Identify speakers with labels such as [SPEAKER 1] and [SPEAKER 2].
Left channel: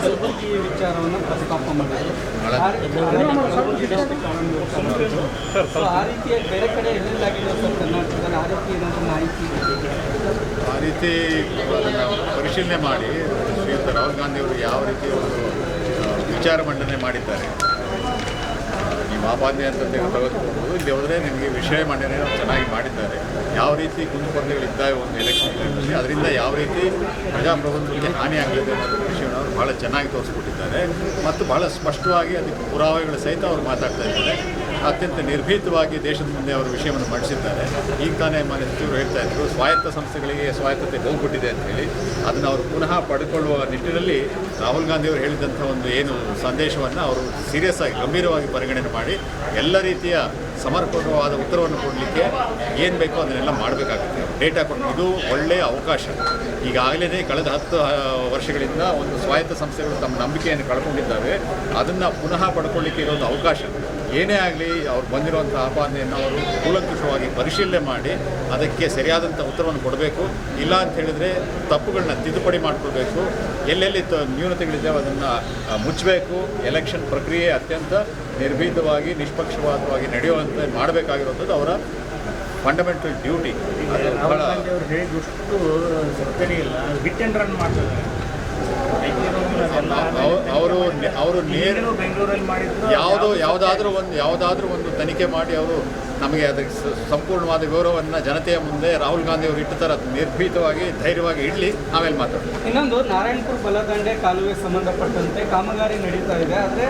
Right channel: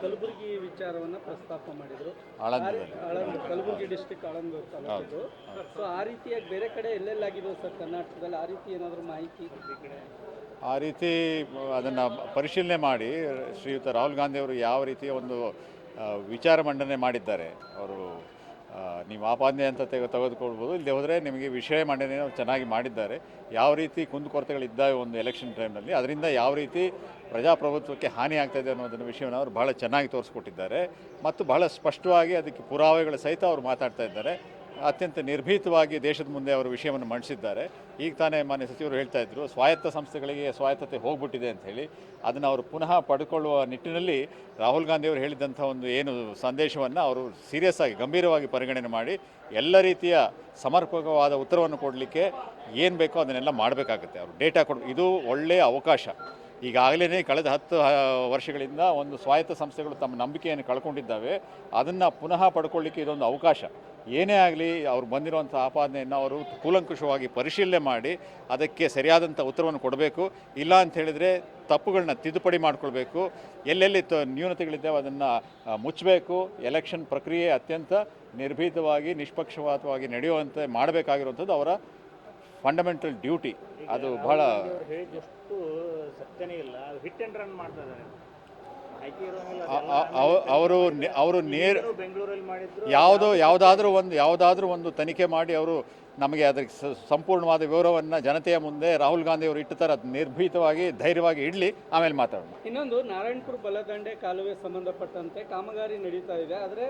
[SPEAKER 1] ಈ ವಿಚಾರವನ್ನು ಆ ರೀತಿಯ ಬೇರೆ ಕಡೆ ಆ ರೀತಿ?
[SPEAKER 2] ಆ ರೀತಿ ಪರಿಶೀಲನೆ ಮಾಡಿ ಶ್ರೀಯುತ ರಾಹುಲ್ ಗಾಂಧಿಯವರು ಯಾವ ರೀತಿ ಒಂದು ವಿಚಾರ ಮಂಡನೆ ಮಾಡಿದ್ದಾರೆ ನೀವು ಆಪಾದನೆ ಅಂತ ತೆಗೆದುಕೊಳ್ಬೋದು ಇಲ್ಲಿ ಹೋದರೆ ನಿಮಗೆ ವಿಷಯ ಮಂಡನೆ ಚೆನ್ನಾಗಿ ಮಾಡಿದ್ದಾರೆ. ಯಾವ ರೀತಿ ಕುಂದುಕೊರತೆಗಳಿದ್ದಾವೆ ಒಂದು ಎಲೆಕ್ಷನ್ ಟೈಮಲ್ಲಿ ಅದರಿಂದ ಯಾವ ರೀತಿ ಪ್ರಜಾಪ್ರಭುತ್ವಕ್ಕೆ ಹಾನಿ ಆಗಲಿದೆ ಅನ್ನೋದು ವಿಷಯವನ್ನು ಅವರು ಭಾಳ ಚೆನ್ನಾಗಿ ತೋರಿಸ್ಕೊಟ್ಟಿದ್ದಾರೆ. ಮತ್ತು ಭಾಳ ಸ್ಪಷ್ಟವಾಗಿ ಅದಕ್ಕೆ ಪುರಾವೆಗಳು ಸಹಿತ ಅವರು ಮಾತಾಡ್ತಾ ಇದ್ದಾರೆ. ಅತ್ಯಂತ ನಿರ್ಭೀತವಾಗಿ ದೇಶದ ಮುಂದೆ ಅವರು ವಿಷಯವನ್ನು ಮಂಡಿಸಿದ್ದಾರೆ. ಈಗ ತಾನೇ ಮಾನ್ಯ ಸಚಿವರು ಹೇಳ್ತಾ ಇದ್ದರು ಸ್ವಾಯತ್ತ ಸಂಸ್ಥೆಗಳಿಗೆ ಸ್ವಾಯತ್ತತೆ ಹೋಗ್ಬಿಟ್ಟಿದೆ ಅಂತ ಹೇಳಿ. ಅದನ್ನು ಅವರು ಪುನಃ ಪಡ್ಕೊಳ್ಳುವ ನಿಟ್ಟಿನಲ್ಲಿ ರಾಹುಲ್ ಗಾಂಧಿಯವರು ಹೇಳಿದಂಥ ಒಂದು ಏನು ಸಂದೇಶವನ್ನು ಅವರು ಸೀರಿಯಸ್ ಆಗಿ, ಗಂಭೀರವಾಗಿ ಪರಿಗಣನೆ ಮಾಡಿ ಎಲ್ಲ ರೀತಿಯ ಸಮರ್ಪಕವಾದ ಉತ್ತರವನ್ನು ಕೊಡಲಿಕ್ಕೆ ಏನು ಬೇಕೋ ಅದನ್ನೆಲ್ಲ ಮಾಡಬೇಕಾಗುತ್ತೆ. ಡೇಟಾ ಕೊಟ್ಟು ಇದು ಒಳ್ಳೆಯ ಅವಕಾಶ. ಈಗಾಗಲೇ ಕಳೆದ ಹತ್ತು ವರ್ಷಗಳಿಂದ ಒಂದು ಸ್ವಾಯತ್ತ ಸಂಸ್ಥೆಗಳು ತಮ್ಮ ನಂಬಿಕೆಯನ್ನು ಕಳ್ಕೊಂಡಿದ್ದಾವೆ. ಅದನ್ನು ಪುನಃ ಪಡ್ಕೊಳ್ಳಿಕ್ಕೆ ಇರೋದು ಒಂದು ಅವಕಾಶ. ಏನೇ ಆಗಲಿ ಅವ್ರು ಬಂದಿರುವಂಥ ಆಪಾದನೆಯನ್ನು ಅವರು ಕೂಲಂಕುಷವಾಗಿ ಪರಿಶೀಲನೆ ಮಾಡಿ ಅದಕ್ಕೆ ಸರಿಯಾದಂಥ ಉತ್ತರವನ್ನು ಕೊಡಬೇಕು. ಇಲ್ಲ ಅಂತ ಹೇಳಿದರೆ ತಪ್ಪುಗಳನ್ನ ತಿದ್ದುಪಡಿ ಮಾಡ್ಕೊಳ್ಬೇಕು. ಎಲ್ಲೆಲ್ಲಿ ನ್ಯೂನತೆಗಳಿದ್ದಾವೆ ಅದನ್ನು ಮುಚ್ಚಬೇಕು. ಎಲೆಕ್ಷನ್ ಪ್ರಕ್ರಿಯೆ ಅತ್ಯಂತ ನಿರ್ಭೀತವಾಗಿ, ನಿಷ್ಪಕ್ಷಪಾತವಾಗಿ ನಡೆಯುವಂತೆ ಮಾಡಬೇಕಾಗಿರುವಂಥದ್ದು ಅವರ ಫಂಡಮೆಂಟಲ್ ಡ್ಯೂಟಿ ಅದು ಬಹಳ
[SPEAKER 3] ಅಂಡ್ ರನ್ ಮಾಡ್ತಾರೆ
[SPEAKER 2] ಅವರು ಅವರು ನೇರ ಯಾವುದೋ ಯಾವುದಾದ್ರೂ ಒಂದು ಯಾವುದಾದ್ರೂ ಒಂದು ತನಿಖೆ ಮಾಡಿ ಅವರು ನಮಗೆ ಅದಕ್ಕೆ ಸಂಪೂರ್ಣವಾದ ವಿವರವನ್ನು ಜನತೆಯ ಮುಂದೆ ರಾಹುಲ್ ಗಾಂಧಿ ಅವರು ಇಟ್ಟು ಥರ ನಿರ್ಭೀತವಾಗಿ ಧೈರ್ಯವಾಗಿ ಇಡಲಿ, ಆಮೇಲೆ ಮಾತಾಡ್ತಾರೆ
[SPEAKER 1] ಇನ್ನೊಂದು ನಾರಾಯಣಪುರ ಬಲದಂಡೆ ಕಾಲುವೆ ಸಂಬಂಧಪಟ್ಟಂತೆ ಕಾಮಗಾರಿ ನಡೀತಾ ಇದೆ. ಆದರೆ